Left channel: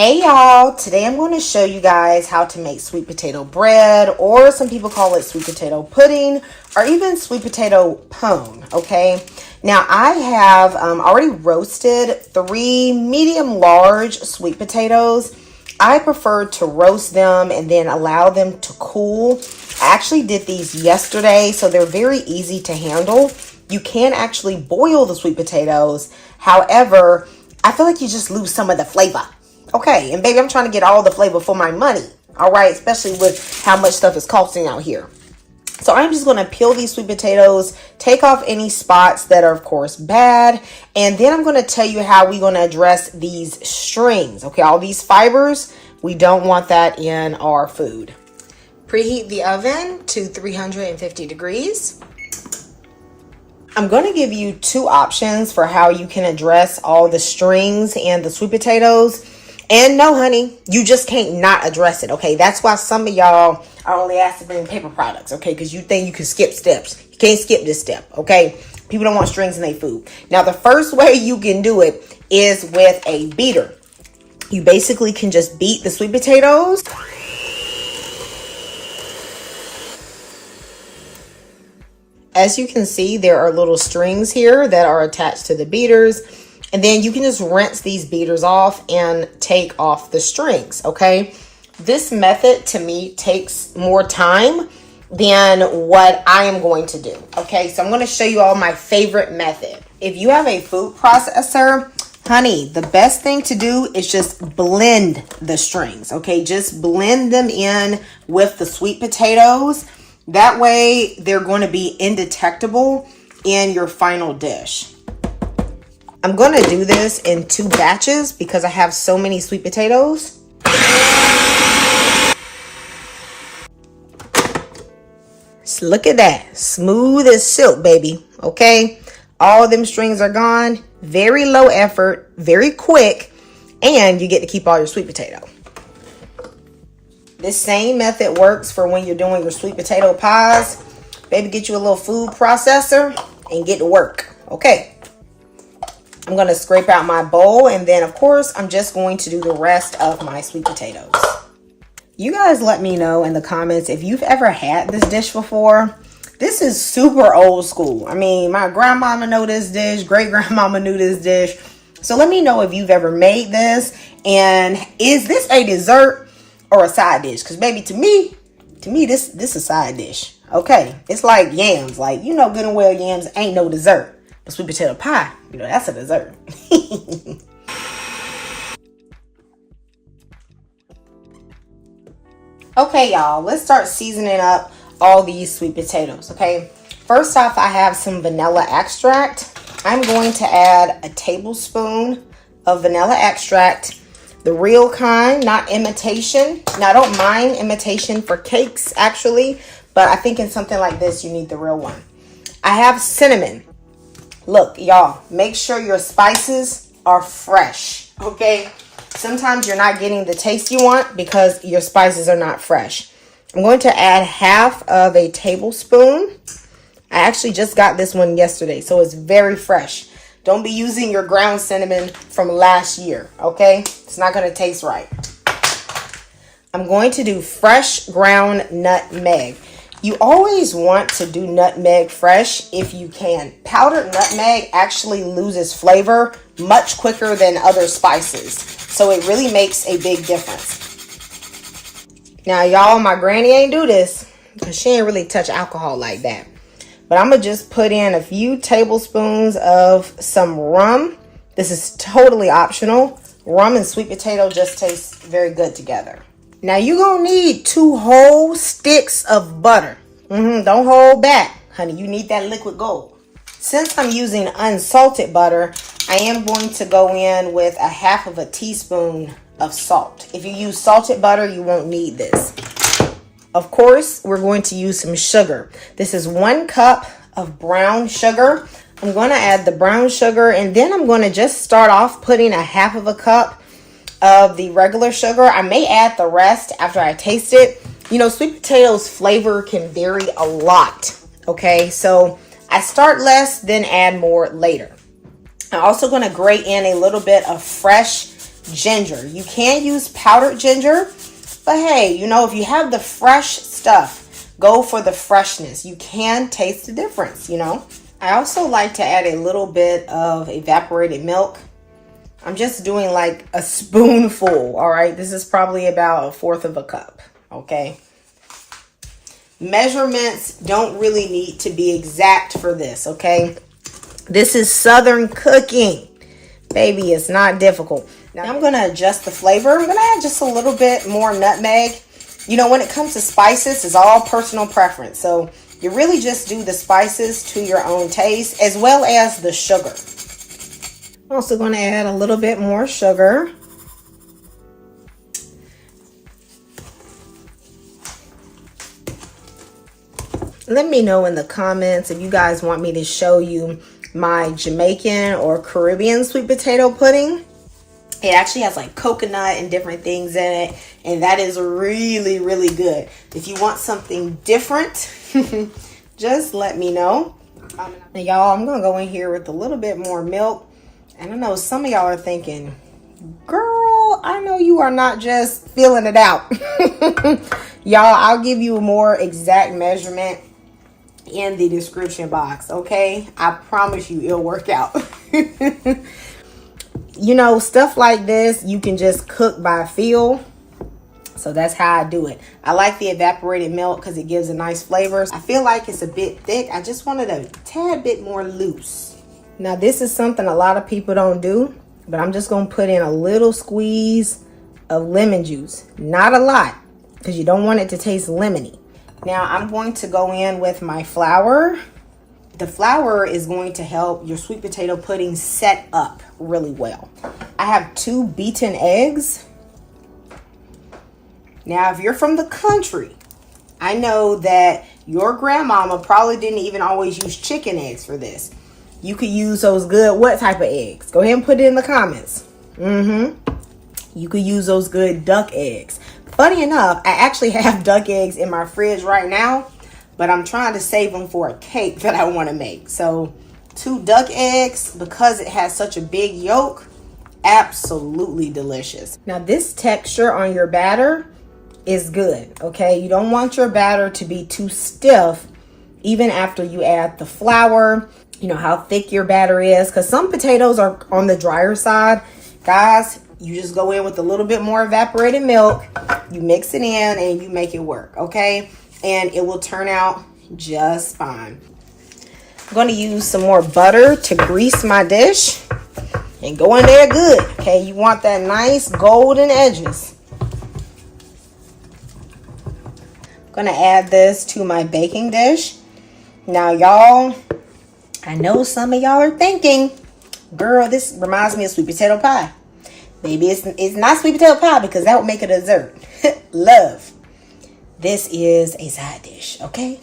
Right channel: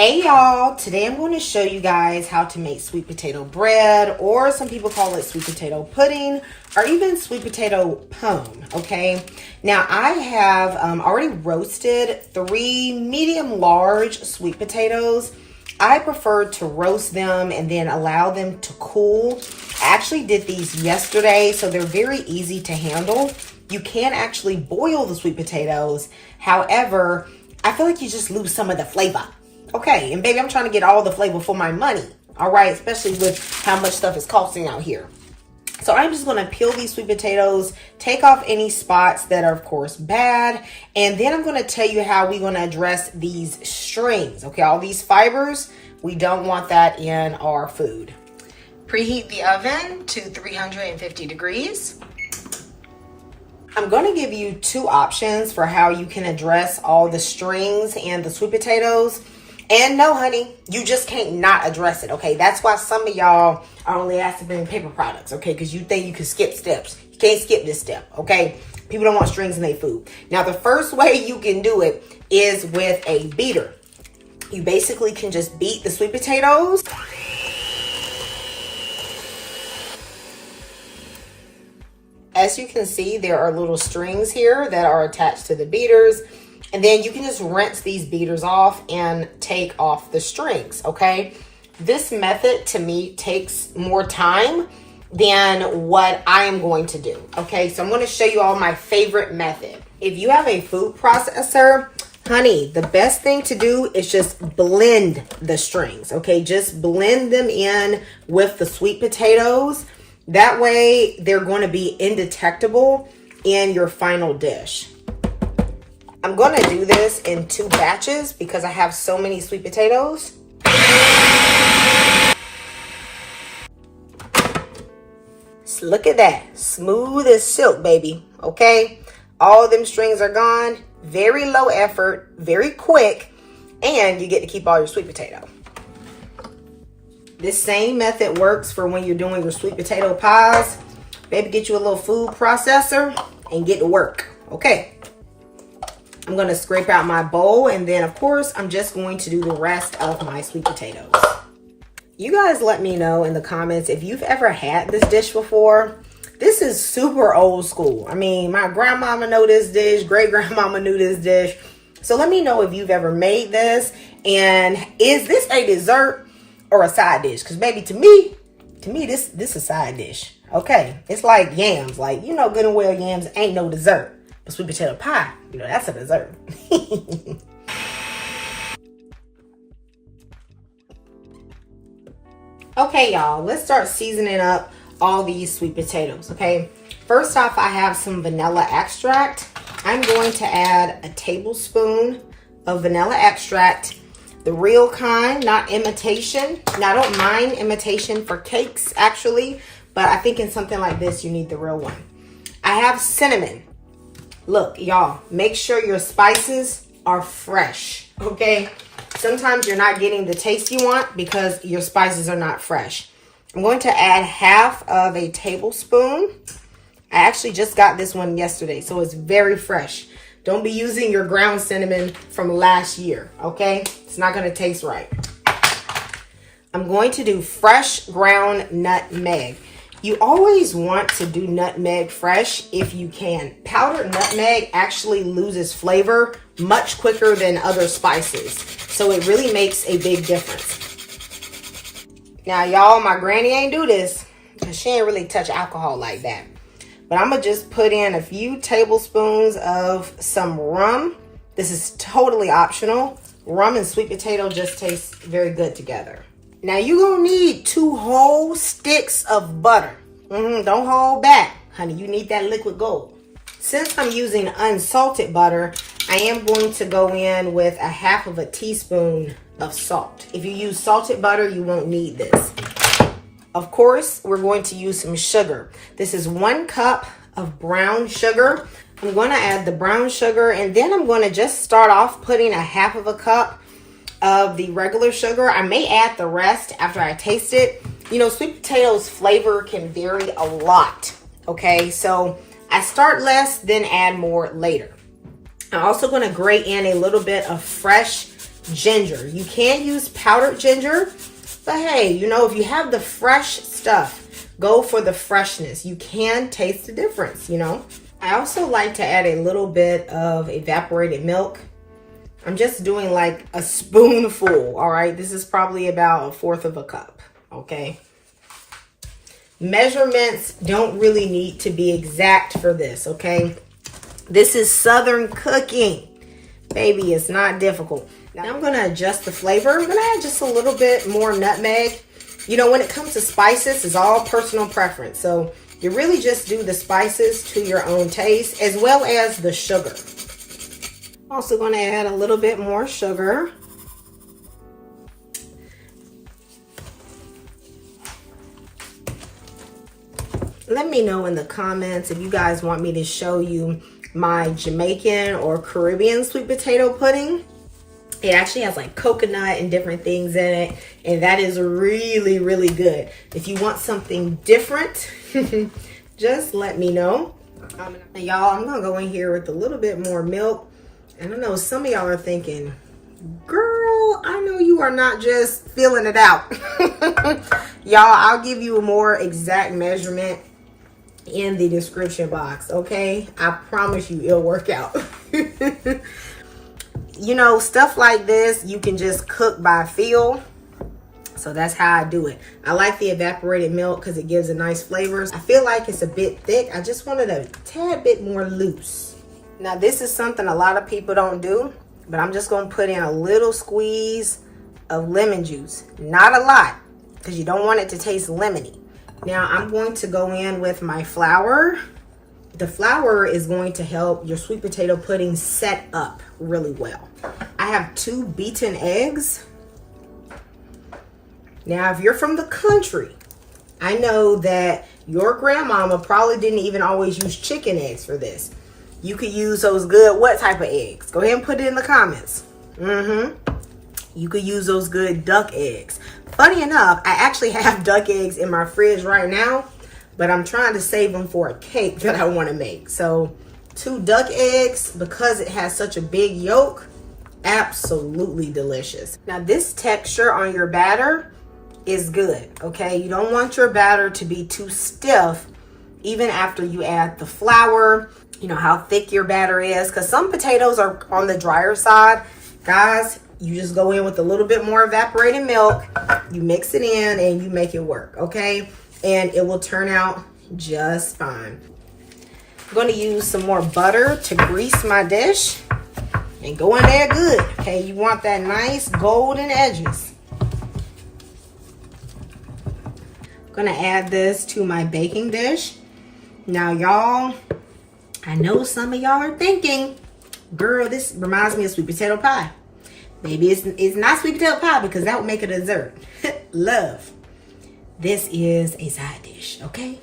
Hey y'all, today I'm going to show you guys how to make sweet potato bread, or some people call it sweet potato pudding, or even sweet potato pone, okay? Now I have already roasted 3 medium large sweet potatoes. I prefer to roast them and then allow them to cool. I actually did these yesterday, so they're very easy to handle. You can actually boil the sweet potatoes. However, I feel like you just lose some of the flavor. Okay, and baby, I'm trying to get all the flavor for my money, all right? Especially with how much stuff is costing out here. So I'm just gonna peel these sweet potatoes, take off any spots that are, of course, bad, and then I'm gonna tell you how we're gonna address these strings, okay? All these fibers, we don't want that in our food. Preheat the oven to 350 degrees. I'm gonna give you 2 options for how you can address all the strings and the sweet potatoes. And no, honey, you just can't not address it, okay? That's why some of y'all are only asked to bring paper products, okay? Because you think you can skip steps. You can't skip this step, okay? People don't want strings in their food. Now, the first way you can do it is with a beater. You basically can just beat the sweet potatoes. As you can see, there are little strings here that are attached to the beaters. And then you can just rinse these beaters off and take off the strings, okay? This method, to me, takes more time than what I am going to do, okay? So I'm gonna show you all my favorite method. If you have a food processor, honey, the best thing to do is just blend the strings, okay? Just blend them in with the sweet potatoes. That way, they're going to be indetectable in your final dish. I'm going to do this in 2 batches because I have so many sweet potatoes. So look at that. Smooth as silk, baby. Okay? All of them strings are gone. Very low effort. Very quick. And you get to keep all your sweet potato. This same method works for when you're doing your sweet potato pies. Baby, get you a little food processor and get to work. Okay? I'm going to scrape out my bowl, and then, of course, I'm just going to do the rest of my sweet potatoes. You guys let me know in the comments if you've ever had this dish before. This is super old school. I mean, my grandmama know this dish, great-grandmama knew this dish. So let me know if you've ever made this, and is this a dessert or a side dish? Because, baby, to me, this is a side dish. Okay, it's like yams. Like, you know good and well yams ain't no dessert. But sweet potato pie, you know, that's a dessert. Okay, y'all, let's start seasoning up all these sweet potatoes, okay? First off, I have some vanilla extract. I'm going to add a tablespoon of vanilla extract, the real kind, not imitation. Now, I don't mind imitation for cakes, actually, but I think in something like this, you need the real one. I have cinnamon. Look, y'all, make sure your spices are fresh, okay? Sometimes you're not getting the taste you want because your spices are not fresh. I'm going to add half of a tablespoon. I actually just got this one yesterday, so it's very fresh. Don't be using your ground cinnamon from last year, okay? It's not going to taste right. I'm going to do fresh ground nutmeg. You always want to do nutmeg fresh if you can. Powdered nutmeg actually loses flavor much quicker than other spices. So it really makes a big difference. Now, y'all, my granny ain't do this because she ain't really touch alcohol like that. But I'm going to just put in a few tablespoons of some rum. This is totally optional. Rum and sweet potato just taste very good together. Now, you're going to need 2 whole sticks of butter. Don't hold back, honey. You need that liquid gold. Since I'm using unsalted butter, I am going to go in with a half of a teaspoon of salt. If you use salted butter, you won't need this. Of course, we're going to use some sugar. This is 1 cup of brown sugar. I'm going to add the brown sugar, and then I'm going to just start off putting a half of a cup of the regular sugar. I may add the rest after I taste it. You know, sweet potatoes flavor can vary a lot, okay? So I start less, then add more later. I'm also going to grate in a little bit of fresh ginger. You can use powdered ginger, but hey, you know, if you have the fresh stuff, go for the freshness. You can taste the difference, you know. I also like to add a little bit of evaporated milk. I'm just doing like a spoonful, all right? This is probably about 1/4 of a cup, okay? Measurements don't really need to be exact for this, okay? This is Southern cooking. Baby, it's not difficult. Now I'm gonna adjust the flavor. I'm gonna add just a little bit more nutmeg. You know, when it comes to spices, it's all personal preference. So you really just do the spices to your own taste, as well as the sugar. I'm also gonna add a little bit more sugar. Let me know in the comments if you guys want me to show you my Jamaican or Caribbean sweet potato pudding. It actually has like coconut and different things in it, and that is really, really good. If you want something different, just let me know. Now, y'all, I'm gonna go in here with a little bit more milk. And I know some of y'all are thinking, girl, I know you are not just feeling it out. Y'all, I'll give you a more exact measurement in the description box, okay? I promise you it'll work out. You know, stuff like this, you can just cook by feel. So that's how I do it. I like the evaporated milk because it gives a nice flavor. I feel like it's a bit thick. I just wanted a tad bit more loose. Now, this is something a lot of people don't do, but I'm just gonna put in a little squeeze of lemon juice. Not a lot, because you don't want it to taste lemony. Now, I'm going to go in with my flour. The flour is going to help your sweet potato pudding set up really well. I have 2 beaten eggs. Now, if you're from the country, I know that your grandmama probably didn't even always use chicken eggs for this. You could use those good, what type of eggs? Go ahead and put it in the comments. You could use those good duck eggs. Funny enough, I actually have duck eggs in my fridge right now, but I'm trying to save them for a cake that I want to make. So 2 duck eggs, because it has such a big yolk, absolutely delicious. Now, this texture on your batter is good, okay? You don't want your batter to be too stiff even after you add the flour. You know how thick your batter is, because some potatoes are on the drier side. Guys, you just go in with a little bit more evaporated milk, you mix it in, and you make it work, okay? And it will turn out just fine. I'm going to use some more butter to grease my dish and go in there good, okay? You want that nice golden edges. I'm going to add this to my baking dish. Now, y'all, I know some of y'all are thinking, girl, this reminds me of sweet potato pie. Maybe it's not sweet potato pie because that would make it a dessert. Love. This is a side dish, okay?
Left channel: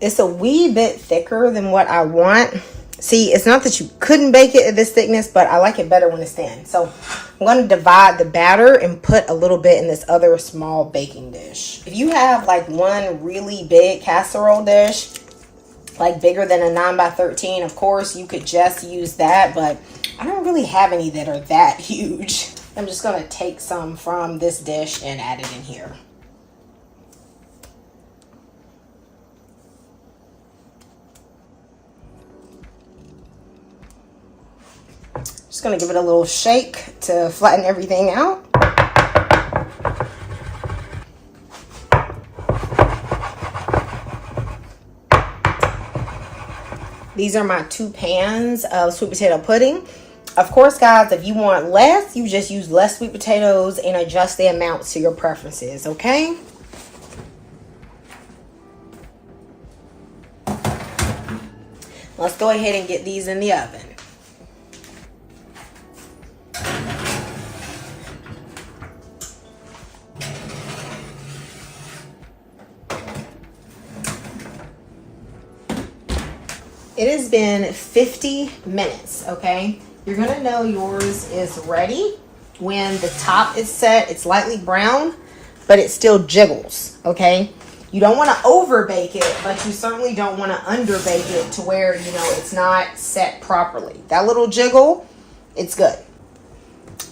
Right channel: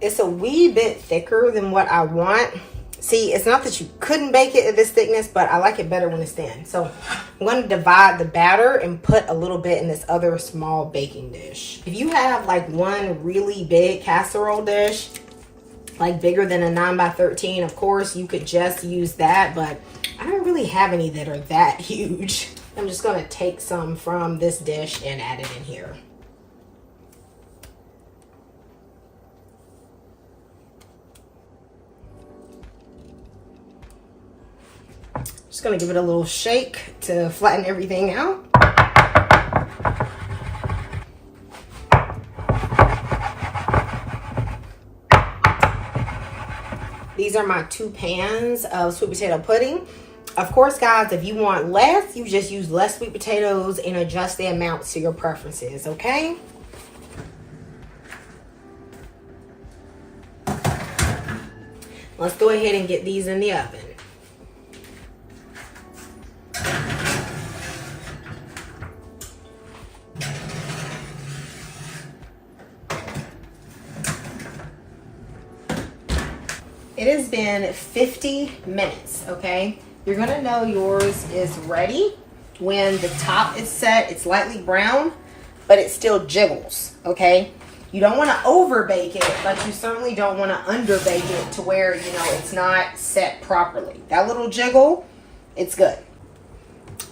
It's a wee bit thicker than what I want. See, it's not that you couldn't bake it at this thickness, but I like it better when it's thin. So I'm going to divide the batter and put a little bit in this other small baking dish. If you have like one really big casserole dish, like bigger than a 9x13, of course, you could just use that, but I don't really have any that are that huge. I'm just going to take some from this dish and add it in here. Just going to give it a little shake to flatten everything out. These are my 2 pans of sweet potato pudding. Of course, guys, if you want less, you just use less sweet potatoes and adjust the amounts to your preferences, okay? Let's go ahead and get these in the oven. It has been 50 minutes, okay? You're gonna know yours is ready when the top is set. It's lightly brown, but it still jiggles, okay? You don't wanna over bake it, but you certainly don't wanna under bake it to where, you know, it's not set properly. That little jiggle, it's good.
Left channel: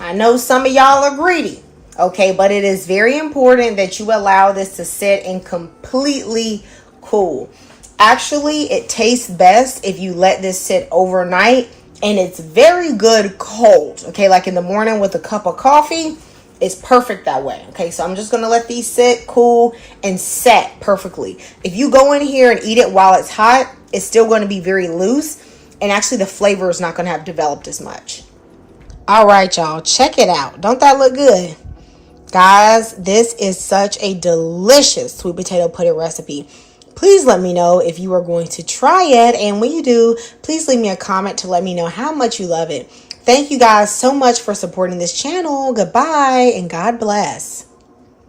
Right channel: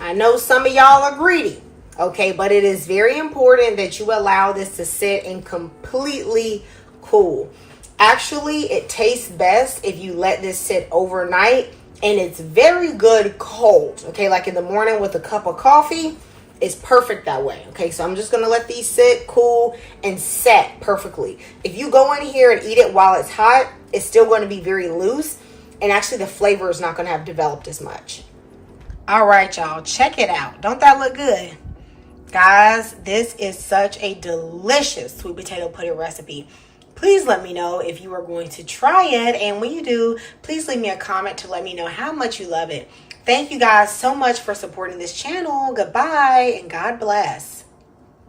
I know some of y'all are greedy, okay, but it is very important that you allow this to sit and completely cool. Actually, it tastes best if you let this sit overnight, and it's very good cold, okay, like in the morning with a cup of coffee. It's perfect that way. Okay, so I'm just gonna let these sit, cool, and set perfectly. If you go in here and eat it while it's hot, it's still going to be very loose, and actually the flavor is not going to have developed as much. All right, y'all, check it out. Don't that look good? Guys, this is such a delicious sweet potato pudding recipe. Please let me know if you are going to try it, and when you do, please leave me a comment to let me know how much you love it. Thank you guys so much for supporting this channel. Goodbye, and God bless.